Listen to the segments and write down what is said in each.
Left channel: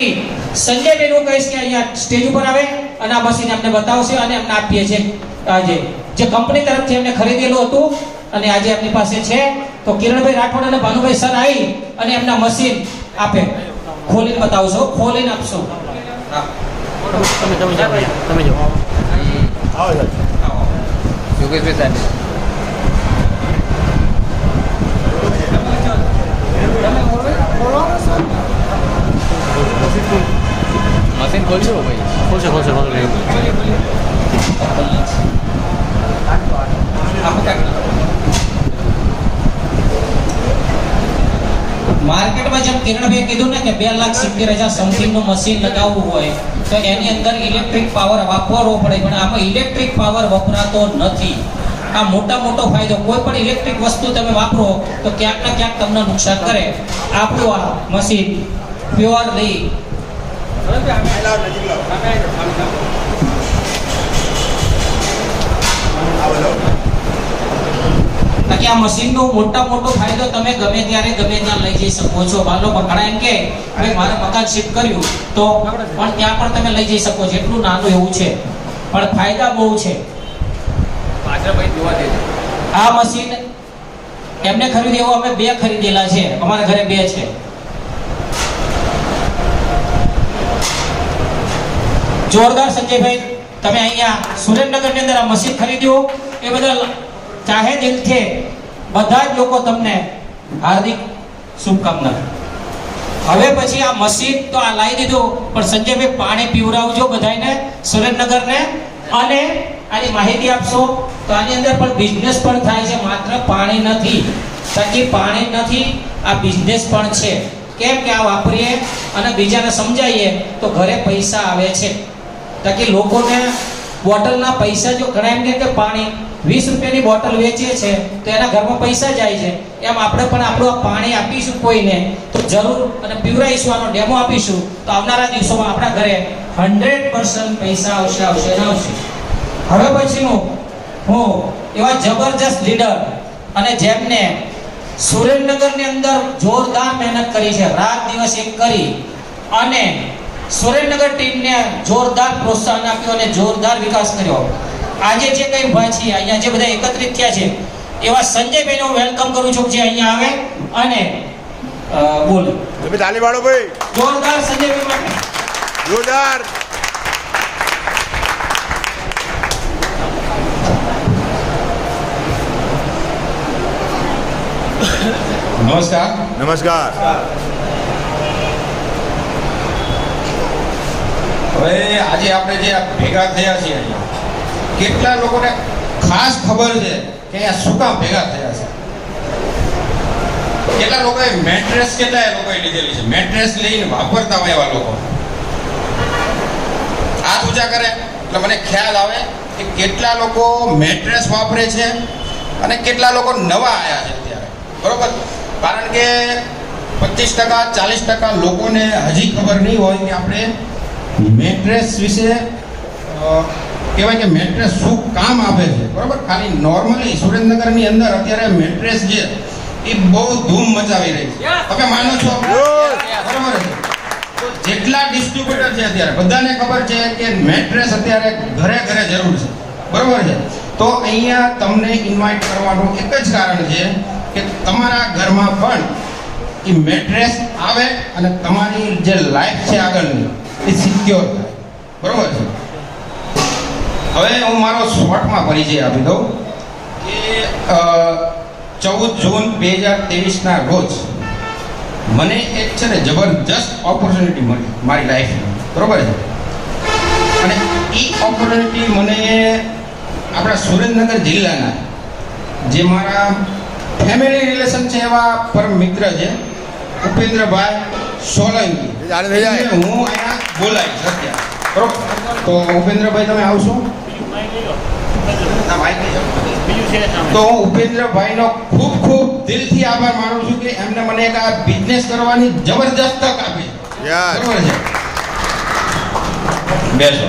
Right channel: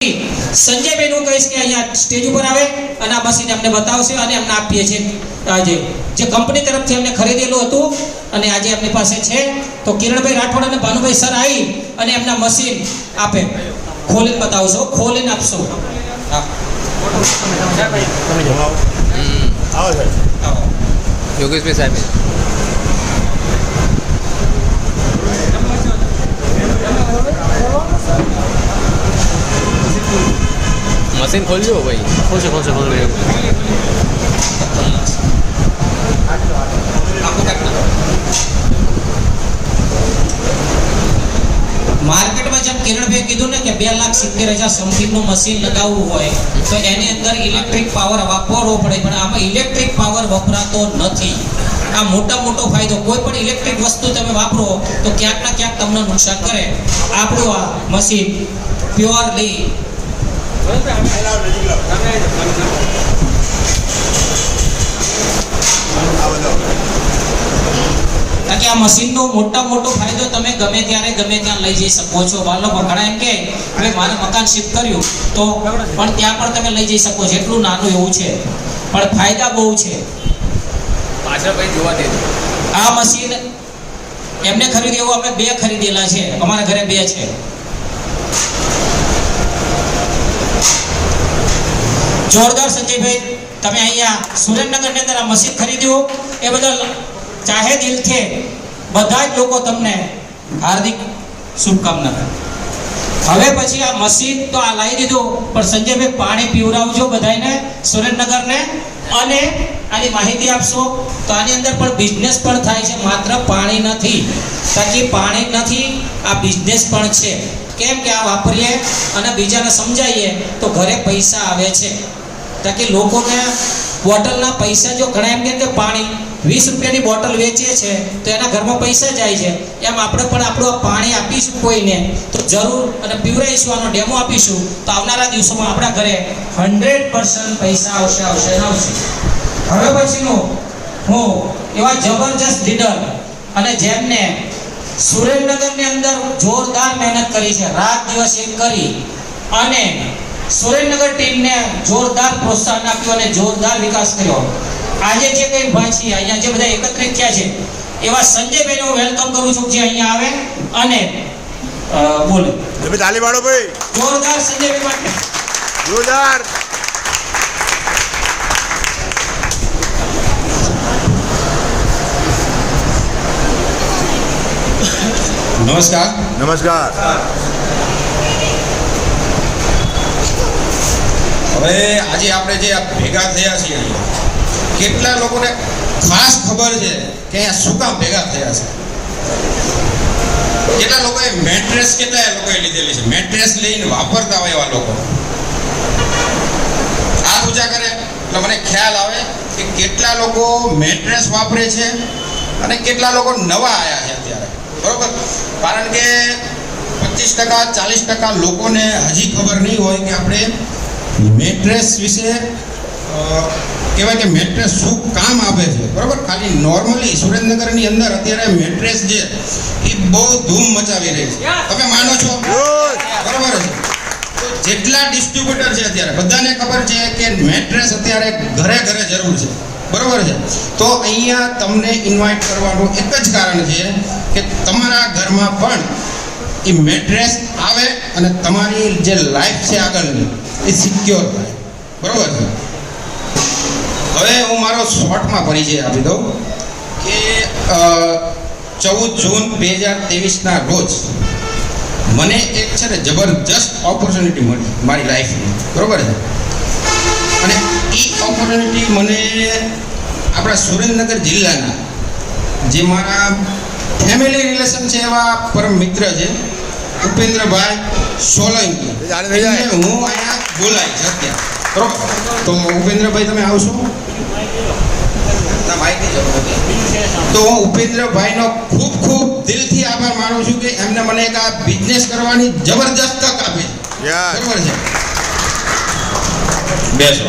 સંજયભાઈ નું કહીશ કે અહીંયા સ્ટેજ ઉપર આવે અને આ મશીન અમને બતાવશે અને અમને આપીએ છે આજે જે કંપની તરફથી એમને ખરીદેલું હતું અને આજે એમની પાસે છે. તો કિરણભાઈ રાઠોડ અને ભાનુભાઈ સર આવી અને એમના મશીન આપે. ખોલીને બતાવશો, ખોલીને આપશો. યોગેશભાઈ સાહેબ. મશીન ખોલજો ભાઈ? ખોલશે ખોલશે ખોલશે ભાઈ. માર્કેટમાં જેમ કિરણભાઈ કીધું ને કે બે લાખ સિત્તેર હજાર સમથિંગનું મશીન લગાવવું હોય તો એની અંદર ઇલેક્ટ્રિક પાવર વાપરવો પડે. પણ આમાં ઇલેક્ટ્રિક પાવર વપરાતો નથી. આ મોટા મોટો ફાયદો કોઈ પણ ઇલેક્ટ્રિક વસ્તુ તમે વાપરો તો ક્યાંક ને ક્યાંક તમને નુકસાન કરે. આપણું આ મશીન કારણ કે આ મશીનનો મોટા મોટો ફાયદો તમે ગમે ત્યારે ગમે ત્યાં લઈ જઈ શકો છો. બાલો ઘણા એમ કે મેં મારા મકાન શિફ્ટ કર્યું. તો પણ ત્યાં પણ તમે લઈ જઈ શકો છો. એટલું નાનું એવું છે. પણ ફાયદા બહુ છે. પાછળ ભાઈ જોવા આ મશીન એમને ખરીદી એવું અમે બે ખરીદેલા છે. અમારા ઘરે બે છે. જોરદાર સંજયભાઈ, તમે અહીંયા સુરેન્દ્રનગરની અંદર આ મશીન ખરીદ્યું. એ બદલ ચાહે દિલથી બધા જ લોકો તમને હાર્દિક શુભકામના. હવે પછી આ મશીન તો આ લાવી દીધો, પણ સંજયભાઈ પાણી પીવડાવજો બધાને સુરેન્દ્રનગરને, અને આની માહિતી આપશો તો આની અંદર પણ બિઝનેસ પણ થાય છે, માત્ર પાણી નથી. તાકી પાણી નથી, આ બિઝનેસ પણ છે. કેમ કે આ વાપરીએ અને બીજાને સમજાવીએ, તો ઘરે પૈસા આવે છે. તાકી લોકોને બોટલના પૈસા જો ઘણા એમ કે પાણી, વીસ રૂપિયાની બોટલ વેચીએ છે, તો એના ઘરમાં પૈસા જાય છે. એમ આપણે પણ આપણું પાણી આપીશું કોઈને, તો જરૂર અને પીવડાવીશું આનો ડેમો આપીશું, તો આવનારા દિવસોમાં આપણા ઘરે હંડ્રેડ પૈસા આવશે આવશે આવશે. હવે પછીનું, હું એવા જબરજસ્ત લીડર અને જેમને સુરેન્દ્રનગરની અંદર જોરદાર મહેનત કરી છે, રાત દિવસ એક કરી અને સુરેન્દ્રનગર ટીમને જોરદાર પ્રોત્સાહન આપ્યું અને જોરદાર વિકાસ કર્યો. આજે જે કંઈ ભાઈ અહીંયા જે બધા એકત્રિત થયા છે એવા સંજયભાઈનો વેલકમ કરું છું જે અહીંયા આવે અને બોલે. તમે તાલી પાડો ભાઈ. જોરદાર સંજયભાઈ માટે. જોરદાર. નમસ્કાર. નમસ્કાર. હવે આજે આપણે જે ભેગા થયા છીએ કેટલા લોકોને ખાસ ખબર છે કે અહીંયા શું કામ ભેગા થયા છે? કેટલા લોકોએ મેટ્રેસ કેટલા એ લોકોએ લીધેલી છે? મેટ્રેસ લઈને વાપરતા હોય એવા લોકો. હાથ ઊંચા કરે, એટલે મને ખ્યાલ આવે કે કેટલા લોકો મેટ્રેસ વાપરે છે અને કેટલા લોકો નવા આવ્યા છે અત્યારે. બરોબર? કારણ કે પચીસ ટકા, ચાલીસ ટકા લોકોને હજી ખબર નહીં હોય કે આપણે મેટ્રેસ વિશે કહેવાય કે મેટ્રેસ શું કામ આપે છે? બરાબર? ખાલી નોર્મલી સુરેન્દ્રનગરની અંદર અત્યારે મેટ્રેસ જે એ બહુ ધૂમ મચાવી રહી છે. તમે માનો છો? બરાબર છે. તો જેટલા ડિસ્ટ્રીબ્યુટર છે અત્યારે બધાને ખબર છે કે મેટ્રેસ અત્યારે ઘરે ઘરે જરૂર છે. બરાબર છે? તો અહીંયા તમને ઇન્વાઇટ કરવાનું એક જ કારણ છે કે તમારા ઘરમાં પણ એ મેટ્રેસ આવે અને તમારી જે લાઈફ છે આગળની એ સિક્યોર થાય. બરોબર? હવે હું મારો શોર્ટમાં પરિચય આપી દઉં કે ચૌદ જૂન બે હજાર ત્રેવીસના રોજ મને એક છે ને જબરજસ્ત ઓપોર્ચ્યુનિટી મળી મારી લાઈફની બરોબર છે? અને એ ઓપોર્ચ્યુનિટી મને આપણા સુરેન્દ્રનગર જિલ્લાના જે મારા ફેમિલી રિલેશન છે એવા પરમ મિત્ર છે ઉપેન્દ્રભાઈ સોલંકી. હું અહીંયા બોલાવીશ અત્યારે. બરોબર? તો ઉપેન્દ્રભાઈ તમે આવશો? ના જરૂર નથી. તો હું ઉપેન્દ્રભાઈનો ખૂબ ખૂબ દિલથી આભાર માનું છું કે એમને મને એક આ બિઝનેસ કરવાની જબરજસ્ત તક આપી. યાર બરોબર છે? બેસો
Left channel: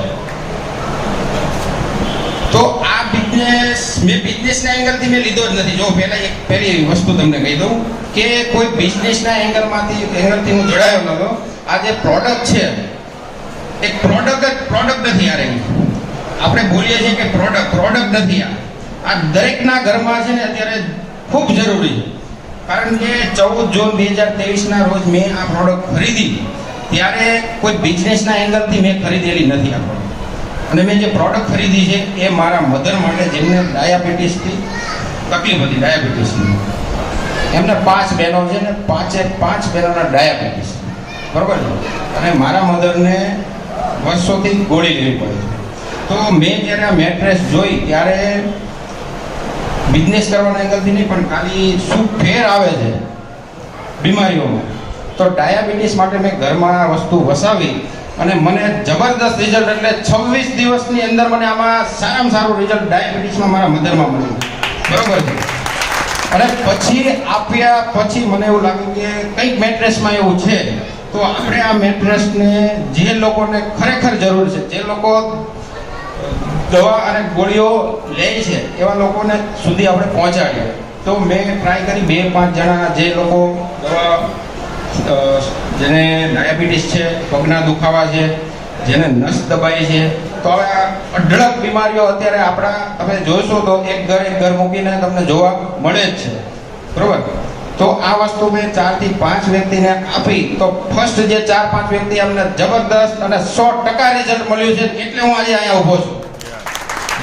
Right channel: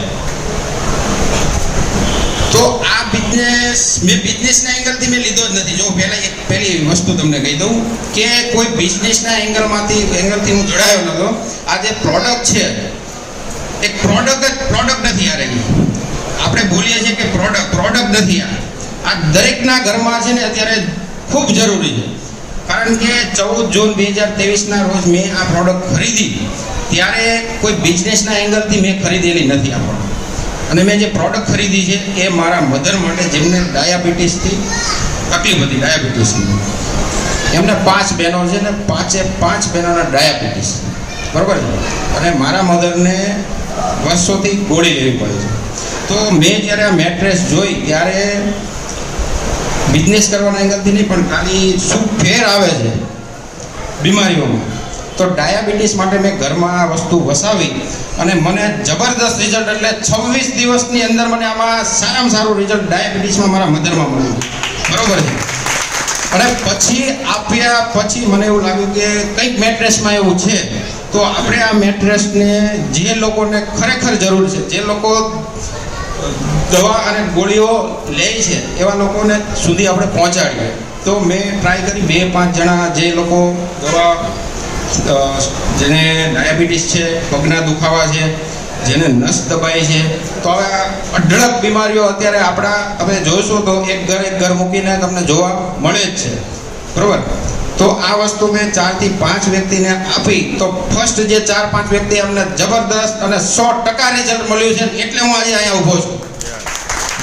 તો આ બિઝનેસ મેં બિઝનેસના એંગલથી મેં લીધો જ નથી. જો પહેલાં એક પહેલી વસ્તુ તમને કહી દઉં કે કોઈ બિઝનેસના એંગલમાંથી એંગલથી હું જોડાયો નતો. આ જે પ્રોડક્ટ છે. એક પ્રોડક્ટ જ પ્રોડક્ટ નથી આ રહી. આપણે બોલીએ છીએ કે પ્રોડક્ટ પ્રોડક્ટ નથી આ. આ દરેકના ઘરમાં છે ને અત્યારે ખૂબ જરૂરી છે. કારણ કે ચૌદ જૂન બે હજાર ત્રેવીસના રોજ મેં આ પ્રોડક્ટ ખરીદી. ત્યારે કોઈ બિઝનેસના એંગલથી મેં ખરીદેલી નથી આ પ્રોડક્ટ અને મેં જે પ્રોડક્ટ ખરીદી છે એ મારા મધર માટે જેમને ડાયાબિટીસથી તકલીફ હતી ડાયાબિટીસની એમને પાંચ બહેનો છે ને પાંચે પાંચ બહેનોના ડાયાબિટીસ બરાબર છે? અને મારા મધરને વર્ષોથી ગોળી લેવી પડે છે. તો મેં જ્યારે આ મેટ્રેસ જોઈ ત્યારે બિઝનેસ કરવાના એંગલથી નહીં, પણ ખાલી શું ફેર આવે છે બીમારીઓમાં. તો ડાયાબિટીસ માટે મેં ઘરમાં વસ્તુ વસાવી અને મને જબરદસ્ત રિઝલ્ટ એટલે છવ્વીસ દિવસની અંદર મને આમાં સારામાં સારું રિઝલ્ટ ડાયાબિટીસમાં મારા મધરમાં મળ્યું. બરોબર છે? અને પછી આપ્યા, પછી મને એવું લાગ્યું કે કંઈક મેટ્રેસમાં એવું છે, તો આપણે આ મેટ્રેસને જે લોકોને ખરેખર જરૂર છે, જે લોકો દવા અને ગોળીઓ લે છે, એવા લોકોને સુધી આપણે પહોંચાડીએ. તો મેં ટ્રાય કરી, બે પાંચ જણા જે લોકો દવા જેને ડાયાબિટીસ છે, પગના દુખાવા છે, જેને નસ દબાય છે, તો હવે અઢળક બીમારીઓ અત્યારે આપણા તમે જોશો તો એક ઘર એક ઘર મૂકીને તમને જોવા મળે જ છે. બરોબર? તો આ વસ્તુ મેં ચારથી પાંચ વ્યક્તિને આપી. તો ફર્સ્ટ જે ચાર પાંચ વ્યક્તિ અમને જબરદસ્ત અને સો ટકા રિઝલ્ટ મળ્યું છે, એટલે હું આજે અહીંયા ઊભો છું.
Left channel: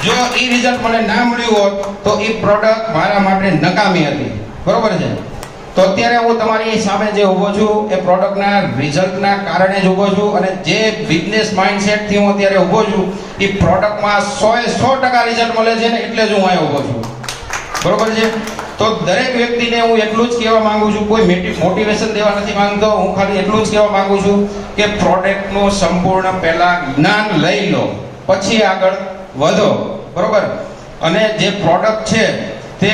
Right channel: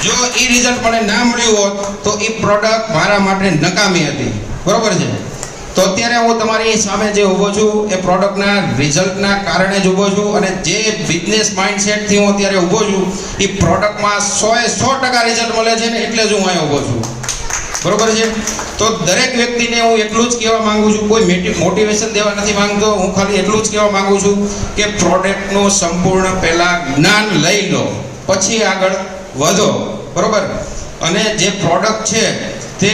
જો એ રિઝલ્ટ મને ના મળ્યું હોત, તો એ પ્રોડક્ટ મારા માટે નકામી હતી. બરોબર છે? તો અત્યારે હું તમારી સામે જે ઊભો છું, એ પ્રોડક્ટના રિઝલ્ટના કારણે જ ઊભો છું અને જે બિઝનેસ માઇન્ડસેટથી હું અત્યારે ઊભો છું, એ પ્રોડક્ટમાં સો એ સો ટકા રિઝલ્ટ મળે છે ને એટલે જ હું અહીંયા ઊભો છું. બરોબર છે? તો દરેક વ્યક્તિને હું એટલું જ કહેવા માંગુ છું, કોઈ મોટિવેશન દેવા નથી માંગતો, હું ખાલી એટલું જ કહેવા માંગુ છું કે પ્રોડક્ટનું સંપૂર્ણ પહેલાં જ્ઞાન લઈ લો, પછી આગળ વધો. બરોબર? અને જે પ્રોડક્ટ છે, તે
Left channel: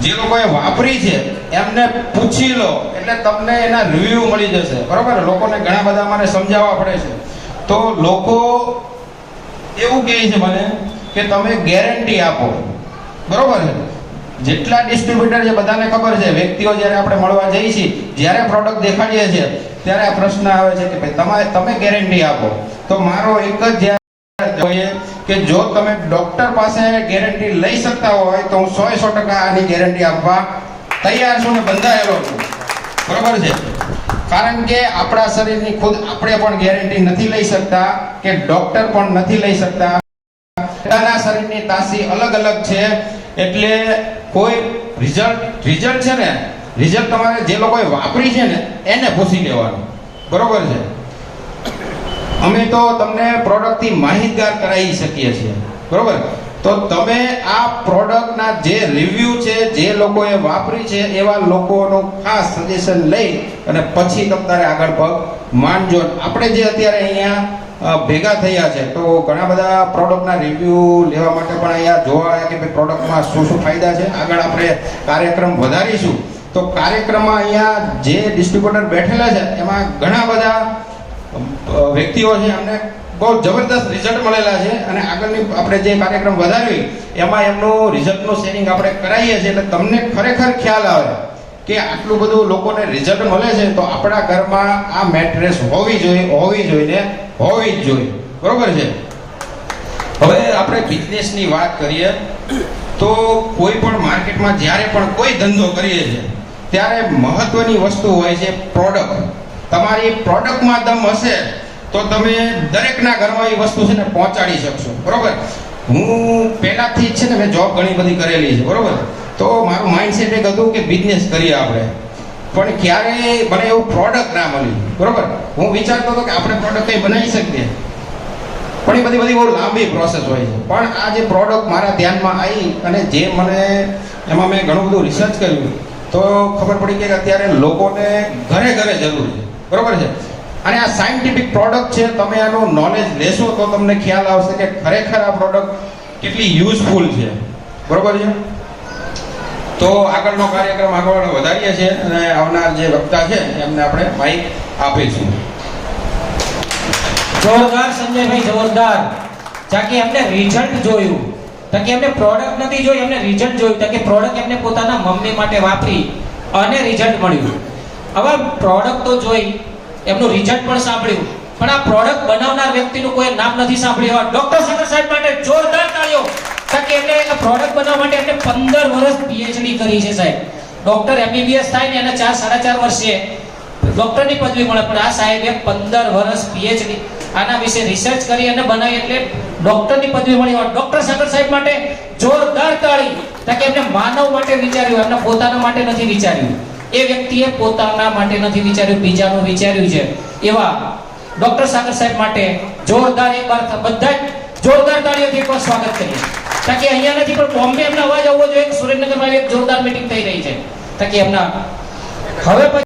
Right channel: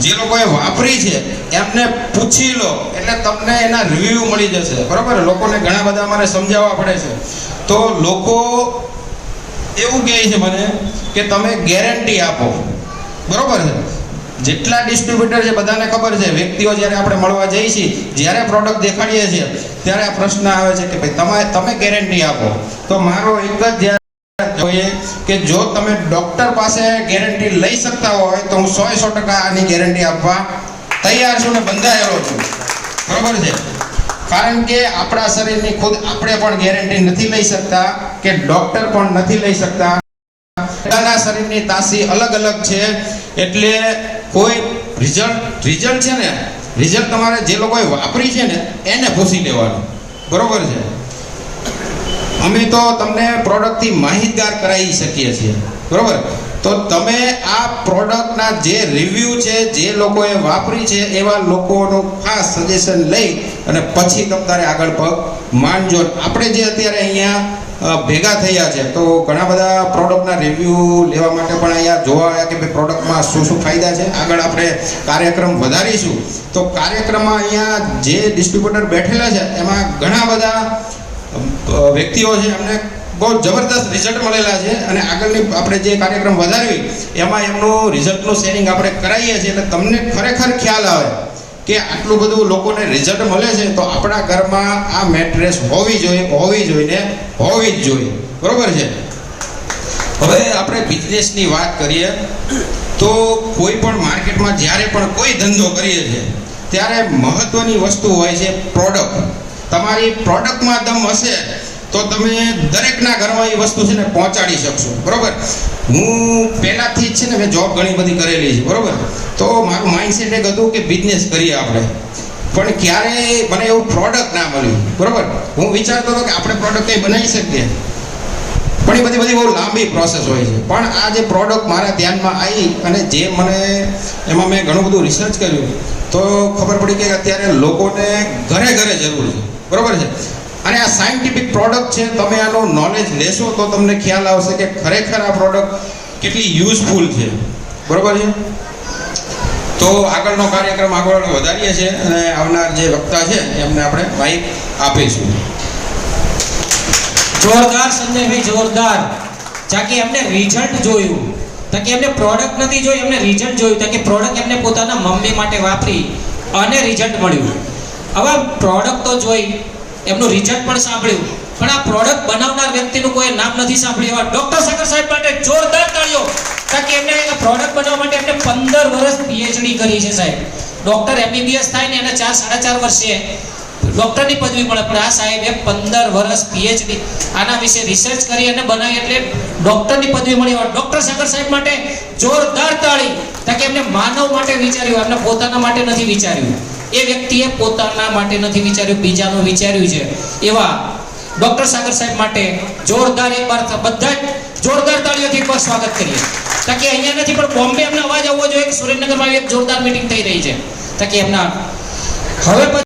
જે લોકોએ વાપરી છે, એમને પૂછી લો. એટલે તમને એના રિવ્યૂ મળી જશે. બરાબર? લોકોને ઘણા બધા મને સમજાવવા પડે છે. તો લોકો એવું કહે છે મને કે તમે ગેરંટી આપો. બરાબર જેટલા ડિસ્ટ્રીબ્યુટર છે, બધાને ખબર છે, વ્યક્તિઓ જ્યારે આપણે મળવા જઈએ છીએ, જ્યારે પ્રોડક્ટ દેખાડીએ છીએ, ત્યારે આ પ્રશ્ન આવે છે કે ભાઈ, તમે તમે ગેરંટી આપો. તો મારો એક જ ધ્યાન જોઈએ કે જો તમે ડોક્ટર પાસે ગેરંટી લઈ શકતા હોય તો હું સો સો ટકા આની ગેરંટી આપવા તૈયાર છું અને બંધાયેલો છું. બરોબર છે? કારણ કે આપણા શરીરની ખુદ આપણે પણ ગેરંટી નથી લઈ શકતા કે ડોક્ટર પણ નથી લઈ શકતા. બધાના શરીરની તાસી અલગ અલગ છે. એટલે કોઈ રિઝલ્ટ રિઝલ્ટ છે ને? રિઝલ્ટ તમારે જે લોકોએ વાપરી છે ને, એને પૂછી લેવાનું બરોબર છે? અમે તો તમને પ્રોડક્ટથી માહિતગાર કરાવી શકીએ છીએ. બરોબર? તો તમે આ પ્રોડક્ટના જે રિવ્યૂ છે, જે લોકોએ વાપરી છે, એવા લોકોનો ખાસ સજેશન લઈ અને પછી તમારે આગળ પગ માંડજો આપણે જે અત્યારે અહીંયા ભેગા થયા છે, તો ઘણા બધા પ્રોડક્ટના રિવ્યૂ લેવા માટે પણ અહીંયા જોવા આવ્યા કે ભાઈ પ્રોડક્ટમાં શું શું ફાયદા છે. આગળ આપણે કાર્યક્રમ વધારીશું. તો કાર્યક્રમમાં અહીંયા જે ડિસ્ટ્રીબ્યુટર બેઠેલા છે, એમાં ઘણા બધા વ્યક્તિઓ છે એમને બહુ જબરદસ્ત રિઝલ્ટ મળેલા છે અને આગળની આપણે જે કાર્યક્રમ વધારવી, એમાં એમનું રિઝલ્ટનું શેરિંગ આપણે કરાવીએ છીએ. એટલે તમને ખરેખર ખ્યાલ આવે કે આટલું બધું લોકોને રિઝલ્ટ મળે છે, તો આપણા ઘરમાં આ મેટ્રેસ હોવી જોઈએ હોવી જોઈએ હોવી જ જોઈએ. બરોબર છે? હવે આપણે બિઝનેસની વાત કરીએ, તો કોઈ પણ માર્કેટમાં જ્યારે પણ કોઈ ધંધો કરીએ છીએ, ત્યારે મહત્વની વસ્તુ હોય છે પ્રોડક્ટ તમારી પ્રોડક્ટમાં દમ હશે તો તમે દરેકના ઘરમાં એ વસ્તુ છે ને પહોંચાડી શકશો. બરોબર? હું પહેલાથી જ છે ને મેં જોબ ઘણી બધી કરેલી છે, બરોબર? તો મારું માઇન્ડસેટ એક હતું કે બિઝનેસ કરીએ આપણે. પણ ક્યારેય મને એવું પ્રોડક્ટ ના મળ્યું, બરોબર? હું વિચારતો હતો કે આપણે પ્રોડક્ટ કંઈ બનાવી શકીએ. પણ એ બધી બધી બહુ લાંબી પ્રોસેસ હોય છે. પણ આ જે પ્રોડક્ટ મારા ધ્યાનમાં આવી અને જે મને એમાં મેં ઘણું બધું રિસર્ચ કર્યું, તો ખબર પડી કે અત્યારે લોકોને ઘરે ઘરે જરૂર છે. બરોબર છે? અને આ સાયન્ટિફિક પ્રોડક્ટ છે, તમે આનું નોલેજ લેશો તો તમને ખ્યાલ આવશે કે ખરેખર આ પ્રોડક્ટ કેટલી યુઝફુલ છે. બરોબર છે? તો આગળનો કાર્યક્રમ આગળ વધારીએ છીએ અને આવનાર જે વક્તા છે, એમને આપણે માઇક આપીશું. જોરદાર સંજયભાઈ, જોરદાર. જાકે એમને રિઝલ્ટ જોયું. તકે એમને પ્રોડક્ટ નથી જોઈ, એમને રિઝલ્ટ જોયું. તકે પ્રોડક્ટ એમને પોતાના મમ્મી માટે વાપરી અને રિઝલ્ટ મળ્યું. હવે પ્રોડક્ટ તો જોઈ, એમનું રિઝલ્ટ પણ સાંભળ્યું. પણ આ પ્રોડક્ટ બનાવનાર વ્યક્તિનું કોઈ નામ નથી સાંભળ્યું. એવા ડોક્ટર સાગર સાહેબ માટે જોરદાર તાળીઓ. કારણ કે એમને પ્રોડક્ટ બનાવવા માટે એમને પંદર વર્ષ પીએચડી કરી છે સાહેબ. ડોક્ટર એમબીબીએસ થાય ને એને ચાર, સાડા ચાર વર્ષે. ડોક્ટરની પદવી મળે, પણ આ સાહેબે પંદર વર્ષ પીએચડી આના વિશે રિસર્ચ કરી અને બનાવી એટલે ડોક્ટરની પદવી મળી. ડોક્ટર સાગર સાહેબ માટે જોરદાર તાળી. કારણ કે એમને માનવ માટે વિચાર્યું, એમને પોતાના માટે નથી વિચાર્યું. એ વ્યક્તિએ પોતાના માટે નથી વિચાર્યું, બીજાનું વિચાર્યું છે. એવા ડોક્ટર સાગર સાહેબ માટે જોરદાર એકવાર બધા જોરદાર તાળીઓથી એકવાર સ્વાગત કરીએ. તાકી અહીંયા નથી, પણ બોમ્બે એમનો અવાજ આવવો જોઈએ કે સુરેન્દ્રનગરમાં એક જોરદાર મીટિંગ થઈ રહી છે. તાકી એમના હવે